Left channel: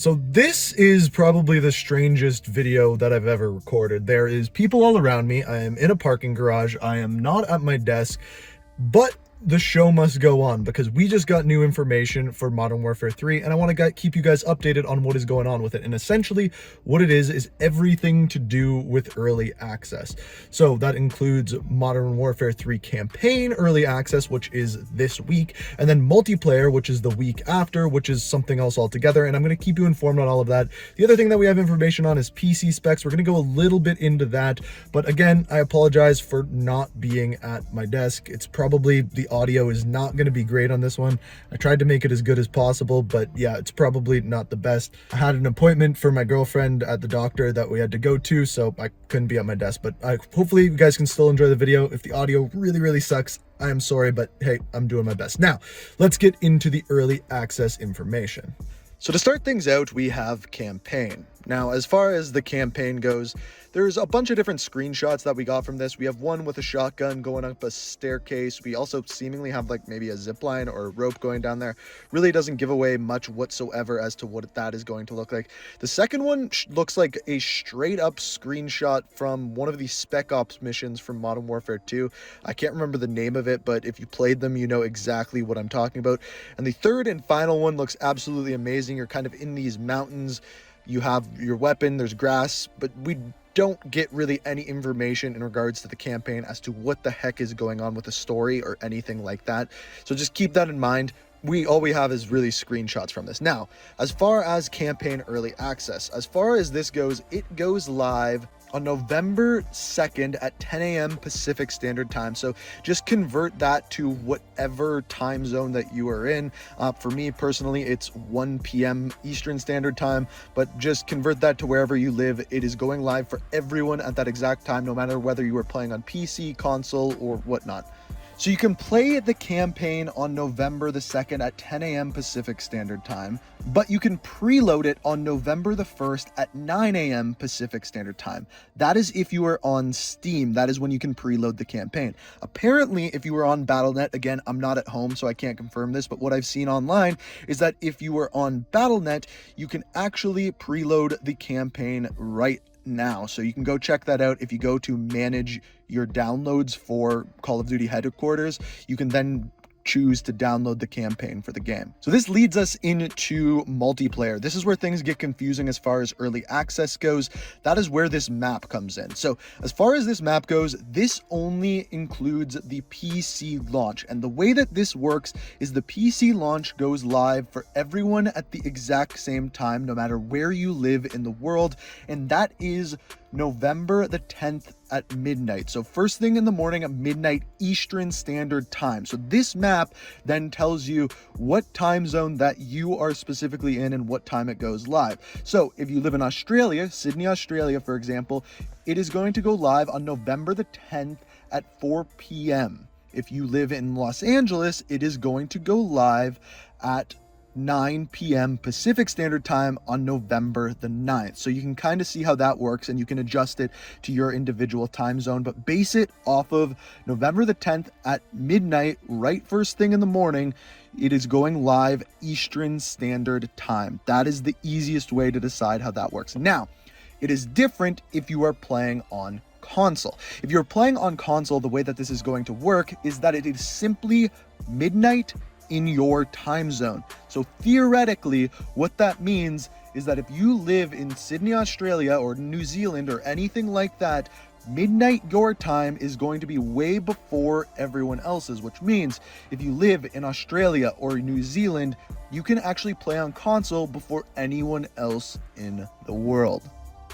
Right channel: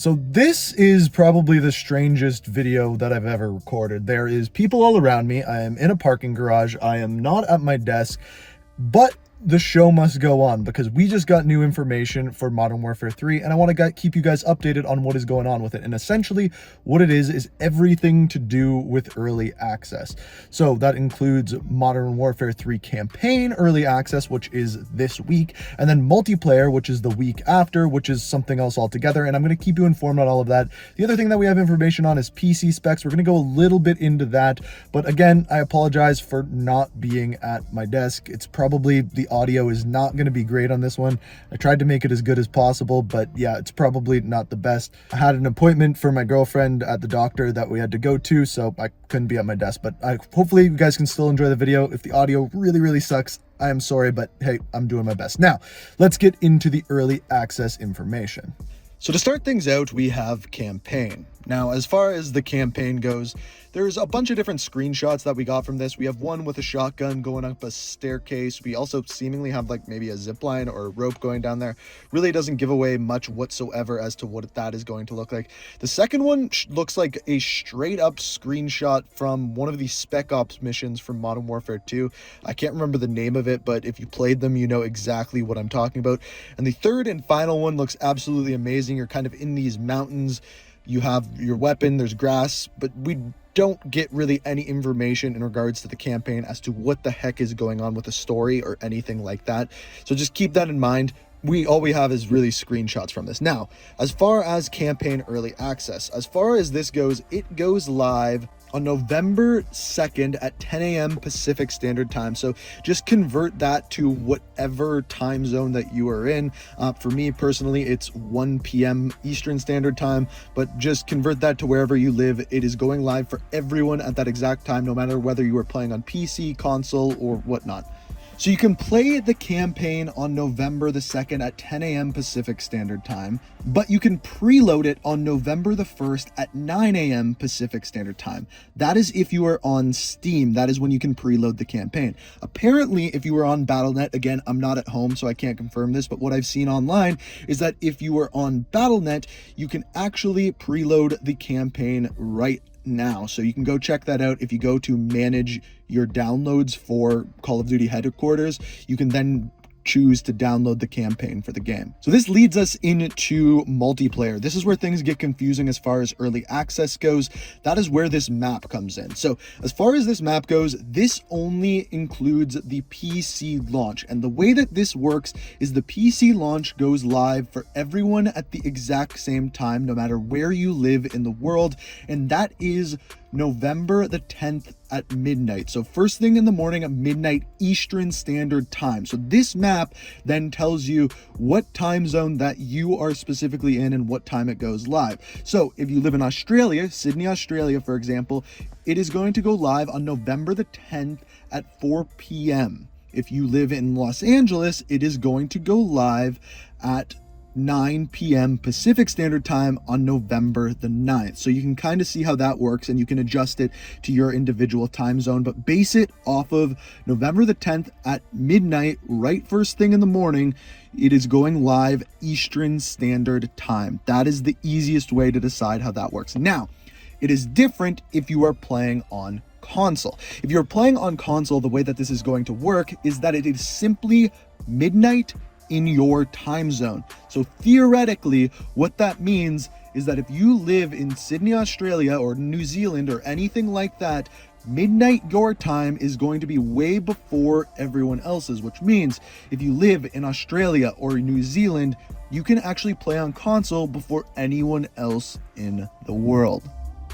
So this is probably the strangest video that I've ever recorded. There is people all around me. I am in a parking garage. I am not at my desk, but the show must go on because we just got new information for Modern Warfare 3, and I want to keep you guys updated on what is going on with it. And essentially what it is everything to do with early access. So that includes Modern Warfare 3 campaign early access, which is this week, and then multiplayer, which is the week after, which is something else altogether. And I'm going to keep you informed on all of that. The other thing that we have information on is PC specs. We're going to go a little bit into that, but again, I apologize for not being at my desk. It's probably the audio is not going to be great on this one. I tried to make it as good as possible, but yeah, it's probably not the best. I had an appointment for my girlfriend at the doctor that we had to go to, so I couldn't be at my desk, but hopefully you guys can still enjoy the video. If the audio really sucks, I am sorry, but hey, I'm doing my best. Now, let's get into the early access information. So to start things out, we have campaign. Now, as far as the campaign goes, there's a bunch of different screenshots that we got from this. We have one with a shotgun going up a staircase. We also seemingly have like maybe a zip line or a rope going down there. Really doesn't give away much whatsoever as to what that is going to look like. The second one looks like a straight up screenshot from one of the Spec Ops missions from Modern Warfare 2. I can't remember the name of it, but if you played them, you know exactly what I'm talking about. And the third and final one looks absolutely amazing. You're kind of in these mountains. You have your weapon, there's grass, but we don't get really any information in regards to the campaign as to what the heck is going on with the story or anything like that. So just keep that in mind. All we have is really screenshots from this. Now, as far as campaign early access, as far as this goes, it goes live on November 2nd at 10 a.m. Pacific Standard Time. So just convert that to whatever time zone that you are in. For me personally, it's 1 p.m. Eastern Standard Time, but just convert that to wherever you live. It is going live for everyone at that exact time, no matter whether you are playing on PC, console, or whatnot. So you can play the campaign on November the 2nd at 10 a.m. Pacific Standard Time, but you can preload it on November the 1st at 9 a.m. Pacific Standard Time. That is if you are on Steam. That is when you can preload the campaign. Apparently, if you are on Battle.net, again, I'm not at home, so I can't confirm this, but what I've seen online is that if you are on Battle.net, you can actually preload the campaign right now. So you can go check that out. If you go to manage your downloads for Call of Duty headquarters, you can then choose to download the campaign for the game. So this leads us into multiplayer. This is where things get confusing as far as early access goes. That is where this map comes in. So as far as this map goes, this only includes the PC launch. And the way that this works is the PC launch goes live for everyone at the exact same time, no matter where you live in the world. And that is November the 10th at midnight. So first thing in the morning at midnight Eastern Standard Time. So this map then tells you what time zone that you are specifically in and what time it goes live. So if you live in Australia, Sydney, Australia, for example, it is going to go live on November the 10th at 4 p.m. If you live in Los Angeles, it is going to go live at 9 p.m. Pacific Standard Time on November the 9th. So you can kind of see how that works, and you can adjust it to your individual time zone, but base it off of November the 10th at midnight, right first thing in the morning. It is going live Eastern Standard Time. That is the easiest way to decide how that works. Now, it is different if you are playing on console. If you're playing on console, the way that this is going to work is that it is simply midnight in your time zone. So theoretically, what that means is that if you live in Sydney, Australia, or New Zealand, or anything like that, midnight your time is going to be way before everyone else's, which means if you live in Australia or New Zealand, you can actually play on console before anyone else in the world.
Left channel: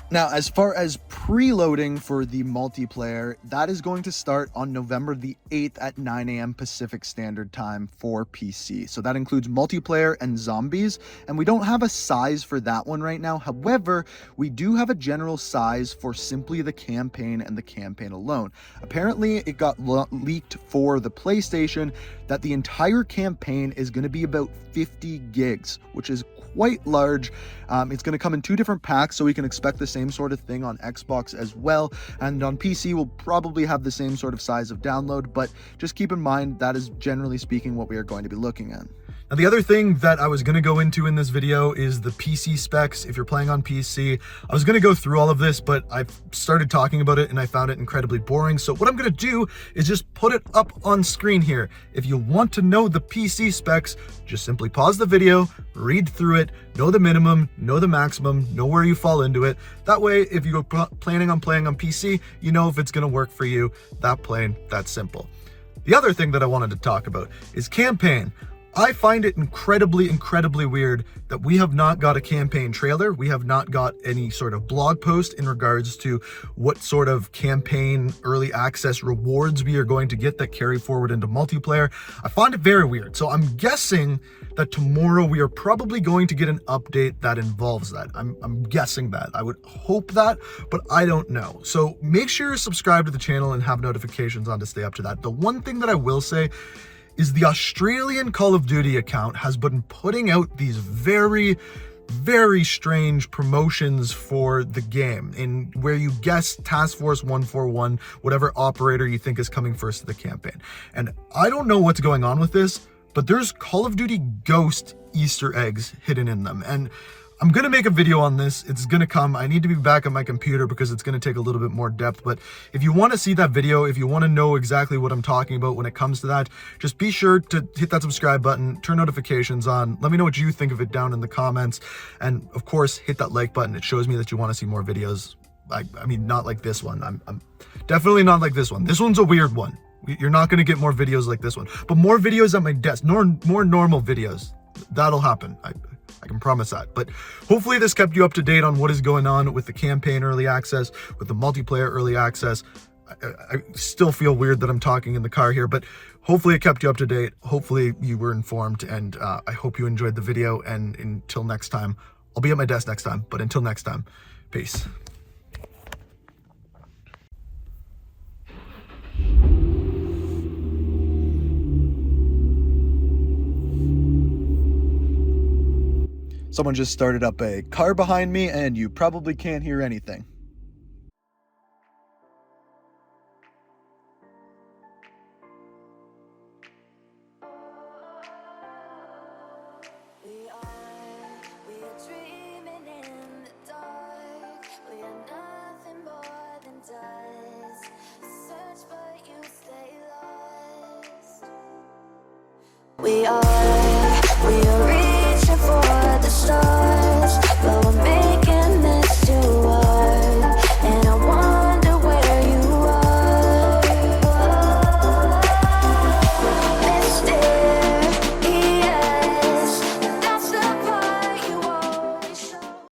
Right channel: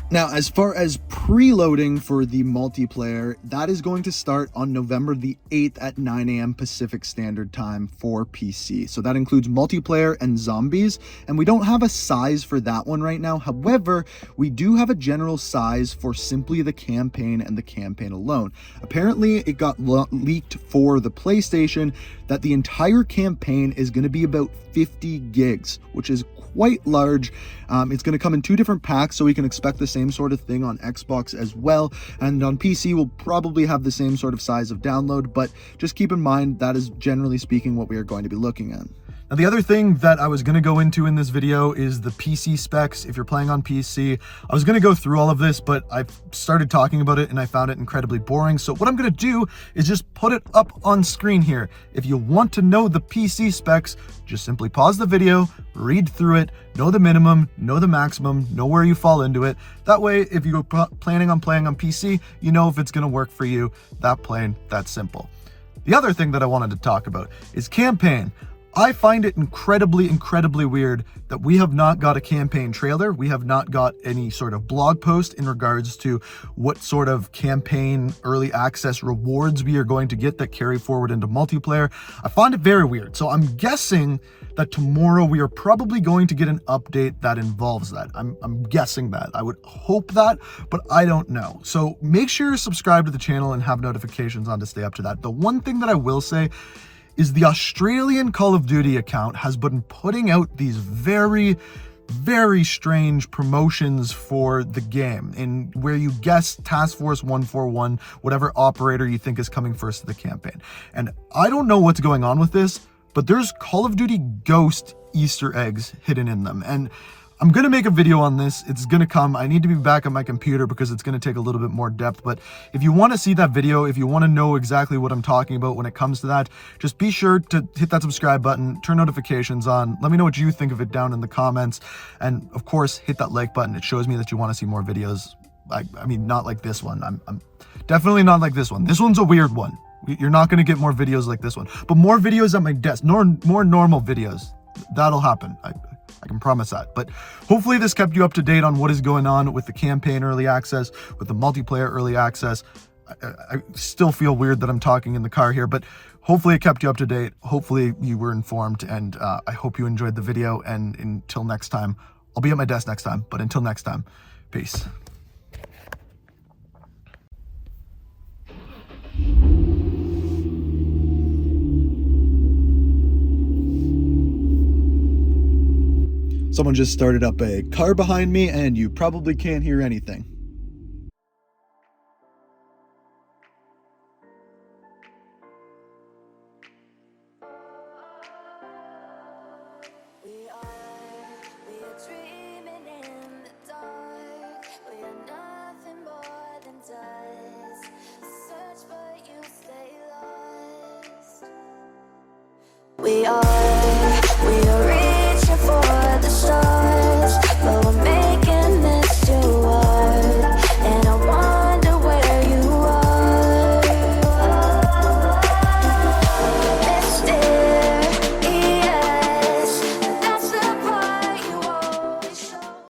Now, as far as preloading for the multiplayer, that is going to start on November the 8th at 9 a.m. Pacific Standard Time for PC. So that includes multiplayer and zombies, and we don't have a size for that one right now. However, we do have a general size for simply the campaign and the campaign alone. Apparently, it got leaked for the PlayStation that the entire campaign is going to be about 50 gigs, which is quite large. It's going to come in 2 different packs, so we can expect the same sort of thing on Xbox as well. And on PC, we'll probably have the same sort of size of download, but just keep in mind that is generally speaking what we are going to be looking at. Now, the other thing that I was going to go into in this video is the PC specs. If you're playing on PC, I was going to go through all of this, but I started talking about it and I found it incredibly boring. So what I'm going to do is just put it up on screen here. If you want to know the PC specs, just simply pause the video, read through it, know the minimum, know the maximum, know where you fall into it. That way, if you're planning on playing on PC, you know if it's going to work for you. That plain, that simple. The other thing that I wanted to talk about is campaign. I find it incredibly weird that we have not got a campaign trailer. We have not got any sort of blog post in regards to what sort of campaign early access rewards we are going to get that carry forward into multiplayer. I find it very weird. So I'm guessing that tomorrow we are probably going to get an update that involves that. I'm guessing that. I would hope that, but I don't know. So make sure you're subscribed to the channel and have notifications on to stay up to that. The one thing that I will say is the Australian Call of Duty account has been putting out these very strange promotions for the game, in where you guess Task Force 141, whatever operator you think is coming first to the campaign. And I don't know what's going on with this, but there's Call of Duty Ghost Easter eggs hidden in them. And I'm going to make a video on this. It's going to come. I need to be back on my computer because it's going to take a little bit more depth. But if you want to see that video, if you want to know exactly what I'm talking about when it comes to that, just be sure to hit that subscribe button, turn notifications on. Let me know what you think of it down in the comments. And of course, hit that like button. It shows me that you want to see more videos. I mean, not like this one. I'm definitely not like this one. This one's a weird one. You're not going to get more videos like this one, but more videos at my desk, more normal videos. That'll happen. I can promise that. But hopefully this kept you up to date on what is going on with the campaign early access, with the multiplayer early access. I still feel weird that I'm talking in the car here, but hopefully it kept you up to date. Hopefully you were informed, and I hope you enjoyed the video. And until next time, I'll be at my desk next time, but until next time, peace. Someone just started up a car behind me, and you probably can't hear anything. We are dreaming in the dark. We are nothing more than dust. Search but you stay lost. We are